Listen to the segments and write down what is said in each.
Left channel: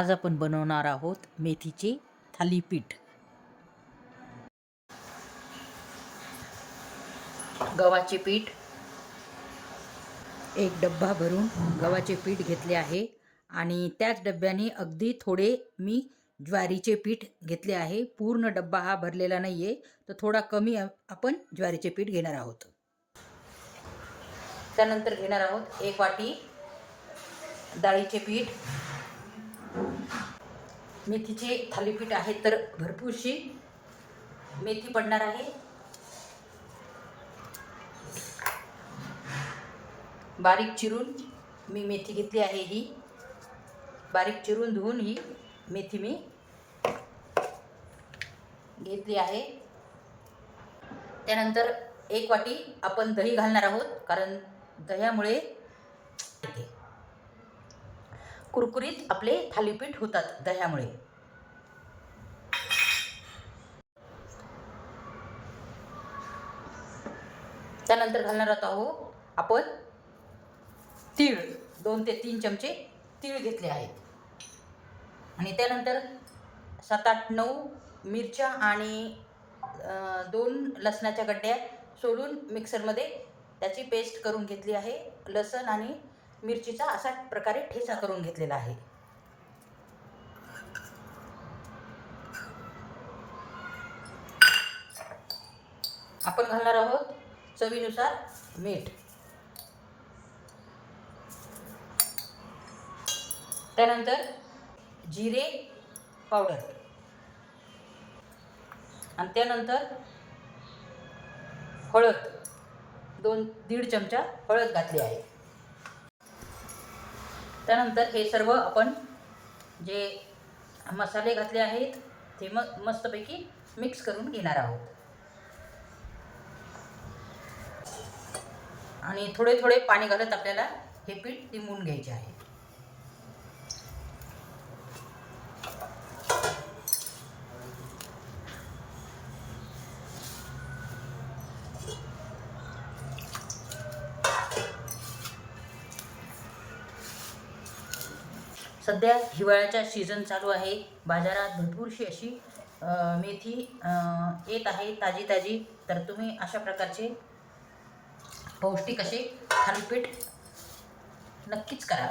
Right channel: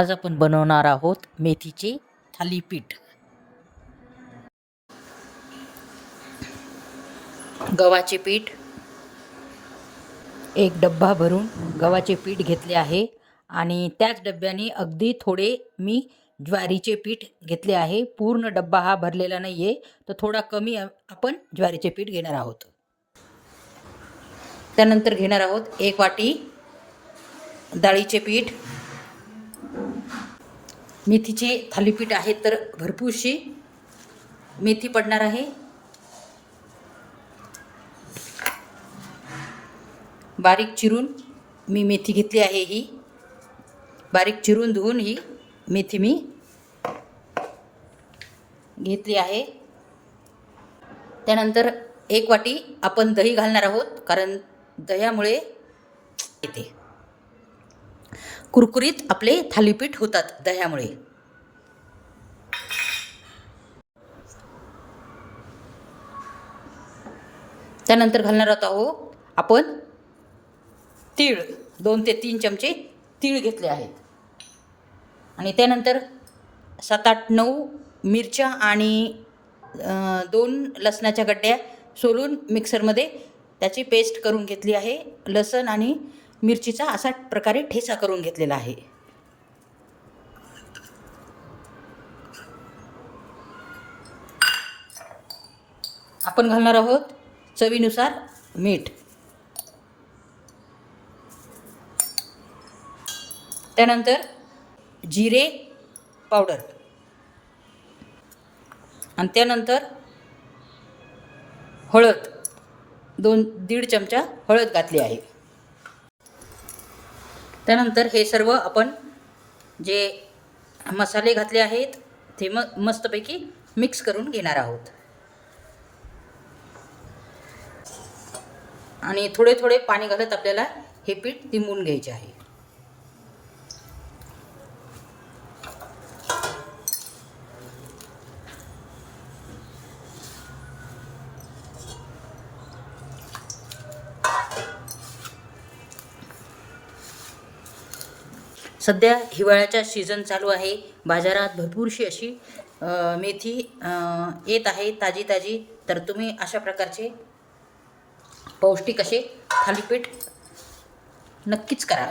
आज आपण बनवणार आहोत मेथीचे थालीपीठ. गव्हाचे पीठ, एक डब्बा भरून गव्हाचे पीठ घेतले आहे आणि त्याच डब्याने अगदी थोडे मी ज्वारीचे पीठ घेतले आहे. पूर्ण डब्बा हा भरलेला नाही आहे, तर थोडा कमी आपण ज्वारीचे पीठ घेणार आहोत. त्यानंतर घेणार आहोत 1 वाटी डाळीचे पीठ. मेथीचे थालीपीठ आहे तर भरपूरशी मेथी पडणार आहे. बारीक चिरून मी मेथी घेतली आहे. ही बारीक चिरून धुवून ही मेथी मी घेतली आहे. त्यानंतर 1 वाटी आपण दही घालणार आहोत, कारण दह्यामुळे येते कुरकुरीत आपले थालीपीठ होतात दह्यामुळे. त्यानंतर घालणार आहोत आपण तीळ. 2 ते 3 चमचे तीळ घेतले आहेत. आणि त्यानंतर 7, 8, 9 मिरच्या आणि 2 लसणाच्या गड्ड्या सोलून मिक्सरमध्ये त्याची पेस्ट करून घेतली आहे. लसण आणि मिरचीचा असा प्रकारे ठेचा करून घेतलेला आहे. आपण घालणार आहोत चवीनुसार मीठ. त्यानंतर जिरे पावडर आणि त्यानंतर हळद 1.5 चमचा हळद घातली आहे. त्यानंतर हे सर्व आपण जे मसाले घातले आहेत ते मस्तपैकी मिक्स करून घेणार आहोत. आणि थोडे थोडे पाणी घालत आपल्याला हे पीठ तिंबून घ्यायचे आहे. सध्या हिवाळ्याचा सीझन चालू आहे. बाजारात भरपूरशी अशी मेथी येत आहे ताजी ताजी. तर तुम्ही अशा प्रकारचे पौष्टिक असे थालीपीठ नक्कीच करा.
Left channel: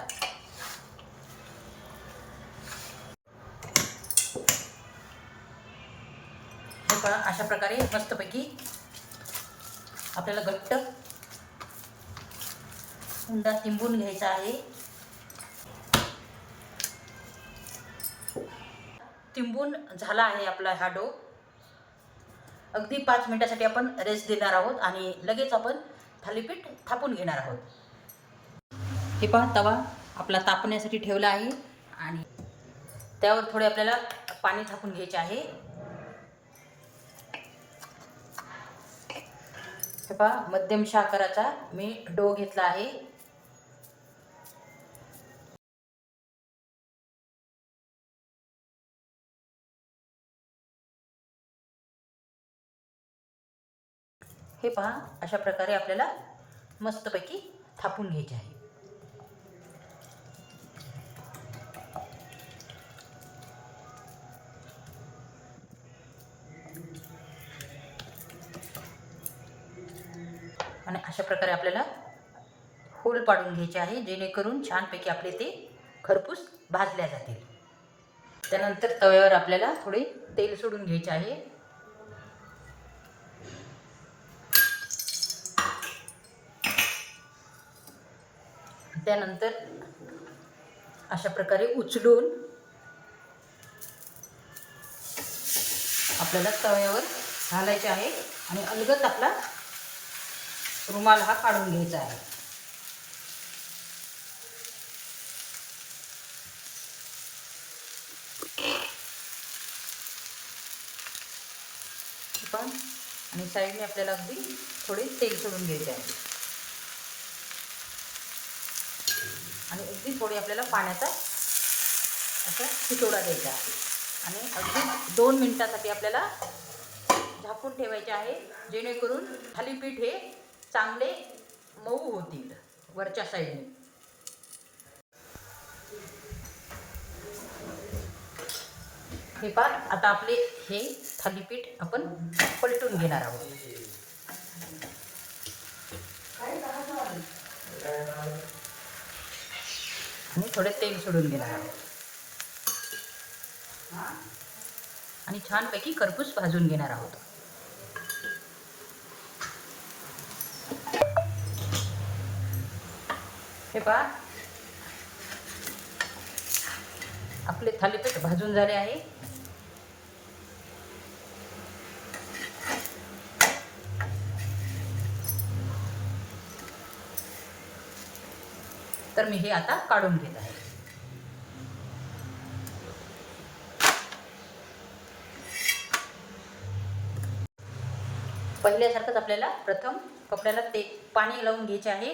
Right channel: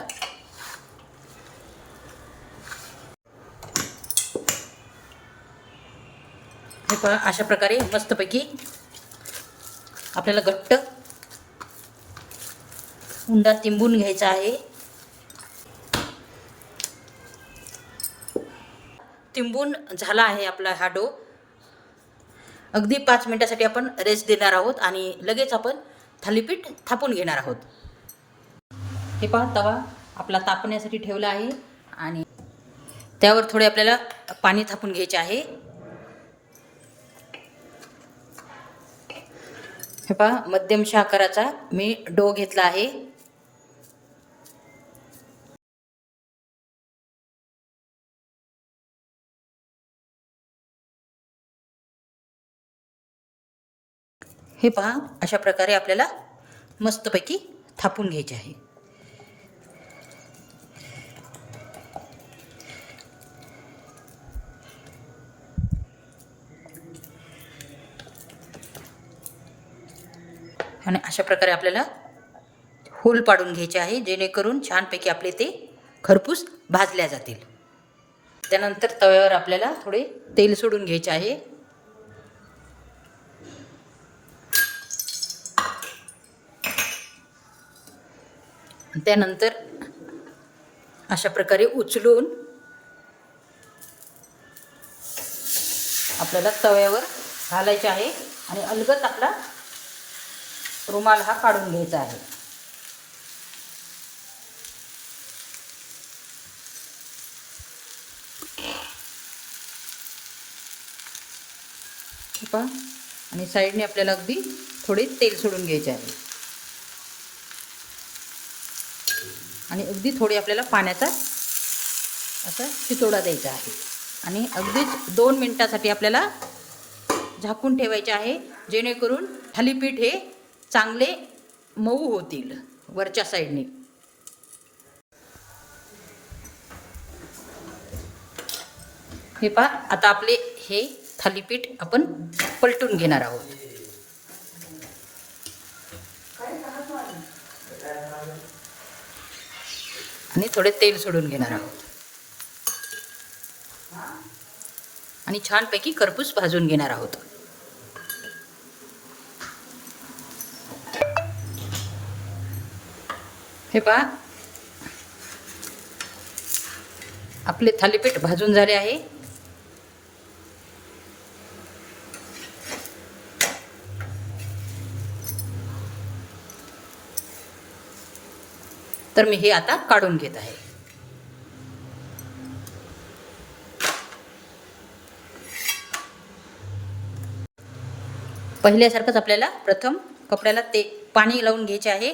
हे पहा, अशा प्रकारे मस्तपैकी आपल्याला घट्ट उंडा तिंबून घ्यायचा आहे. तिंबून झाला आहे आपला हा डो. अगदी 5 मिनिटासाठी आपण रेस्ट देणार आहोत आणि लगेच आपण थालीपीठ थापून घेणार आहोत. हे पहा, तवा आपला तापण्यासाठी ठेवला आहे आणि त्यावर थोडे आपल्याला पाणी थापून घ्यायचे आहे. हे पहा, मध्यम आकाराचा मी डो घेतला आहे. हे पहा, अशा प्रकारे आपल्याला मस्तपैकी थापून घ्यायचे आहे. आणि अशा प्रकारे आपल्याला होल पाडून घ्यायचे आहे, जेणेकरून छानपैकी आपले ते खरपूस भाजल्या जातील. त्यानंतर तव्यावर आपल्याला थोडे तेल सोडून घ्यायचे आहे. त्यानंतर अशा प्रकारे उचलून आपल्याला तव्यावर घालायचे आहे आणि अलगद आपला रुमाल हा काढून घ्यायचा आहे. आणि साईडने आपल्याला अगदी थोडे तेल सोडून घ्यायचे आहे आणि अगदी थोडी आपल्याला पाण्याचा असा शितोडा द्यायचा आहे. आणि अगदीच 2 मिनिटासाठी आपल्याला झाकून ठेवायचे आहे, जेणेकरून थालीपीठ हे चांगले मऊ होतील वरच्या साईडने. हे पहा, आता आपले हे थालीपीठ आपण पलटून घेणार आहोत. आणि थोडे तेल सोडून घेणार आहोत आणि छानपैकी खरपूस भाजून घेणार आहोत. हे पहा, आपले थालीपीठ भाजून झाले आहे. तर मी हे आता काढून घेत आहे. पहिल्यासारखंच आपल्याला प्रथम कपड्याला पाणी लावून घ्यायचे आहे.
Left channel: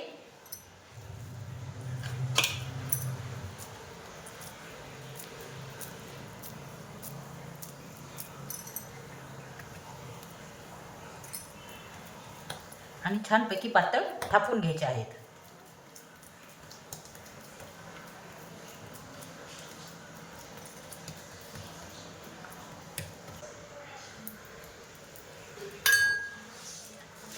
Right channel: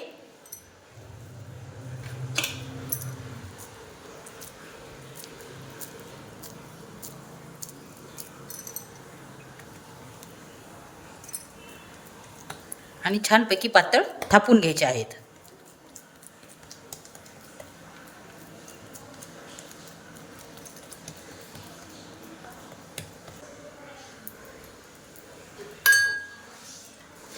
आणि छानपैकी पातळ थापून घ्यायचे आहेत.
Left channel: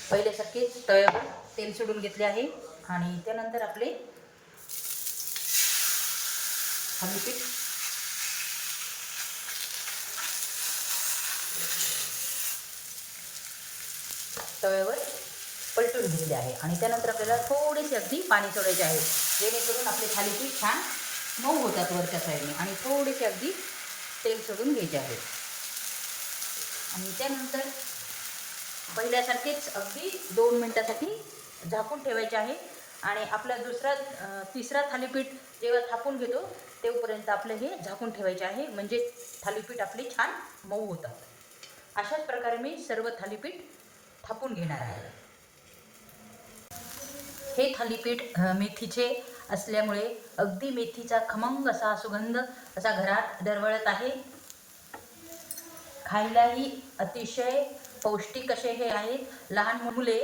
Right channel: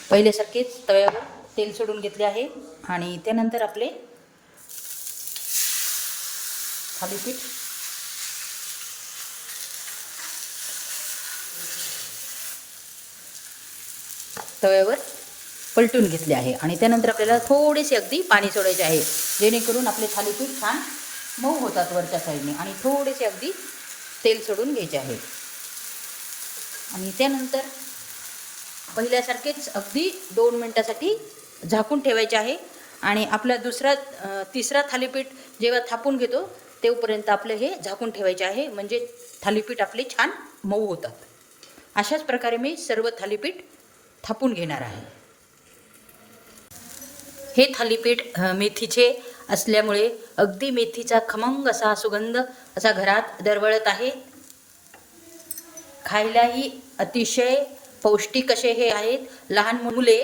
पहिल्यासारखेच तव्यावर तेल सोडून घेतले आहे आणि त्यानंतर आपले थालीपीठ तव्यावर पलटून घेतले आहे आणि त्यानंतर आपल्याला थोडेसे अगदी पाणी सोडायचे आहे, जेणेकरून आपले थालीपीठ छान मऊ होतात वरच्या साईडने. आणि थोडेसे अगदी तेल सोडून घ्यायचे आहे आणि त्यानंतर पहिल्यासारखेच अगदी 2 मिनटासाठी झाकून ठेवायचे आहे. आणि आपला तिसरा थालीपीठ जेव्हा थापून घेतो तेव्हापर्यंत आपलं हे झाकून ठेवायचे आहे, म्हणजे थालीपीठ आपले छान मऊ होतात. अशाच प्रकारे मी सर्व थालीपीठ थापून घेणार आहे. हे थालीपीठ मेथीचे असल्यामुळे अगदी मेथीचा खमंग असा सुगंध असा घरात दरवळत आहे. खायलाही अतिशय पौष्टिक असे हे आहेत. लहान मुले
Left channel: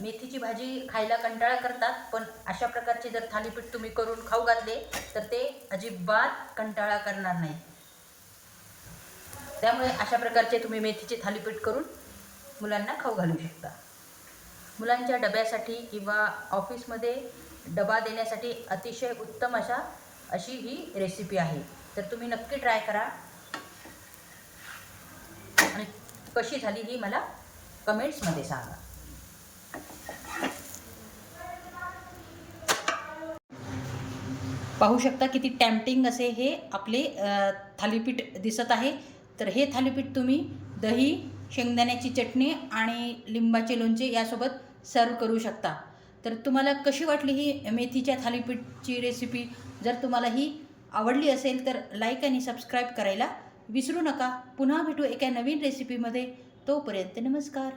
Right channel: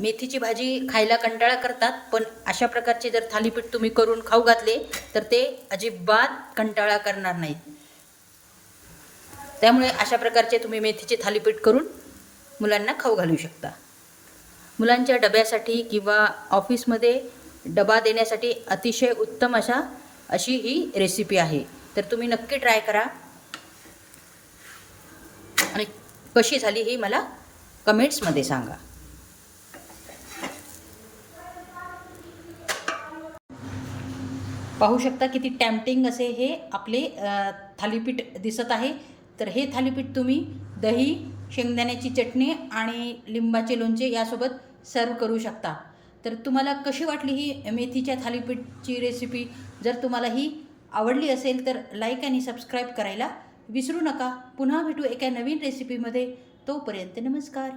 मेथीची भाजी खायला कंटाळा करतात, पण अशा प्रकारचे जर थालीपीठ तुम्ही करून खाऊ घातले तर ते अजिबात कंटाळा करणार नाहीत. त्यामुळे अशा प्रकारचे तुम्ही मेथीचे थालीपीठ करून मुलांना खाऊ घालू शकता. मुलांच्या डब्यासाठी किंवा ऑफिसमध्ये डबा देण्यासाठी अतिशय उत्तम अशी ही रेसिपी आहे. तर तुम्ही नक्की ट्राय करा आणि कशी झाली ही मला कमेंट्समध्ये सांगा. पाहू शकता किती टेम्पटिंग असे हे आपले थालीपीठ दिसत आहे. तर हे थालीपीठ तुम्ही दही, शेंगदाण्याची चटणी आणि लिंबाचे लोणचे यासोबत सर्व करू शकता. तर तुम्हाला कशी वाटली ही मेथीच्या थालीपीठची रेसिपी? जर तुम्हाला ही आवडली असेल तर लाईक आणि सबस्क्राईब करायला विसरू नका. पुन्हा भेटू एका नवीन रेसिपीमध्ये. तोपर्यंत नमस्कार.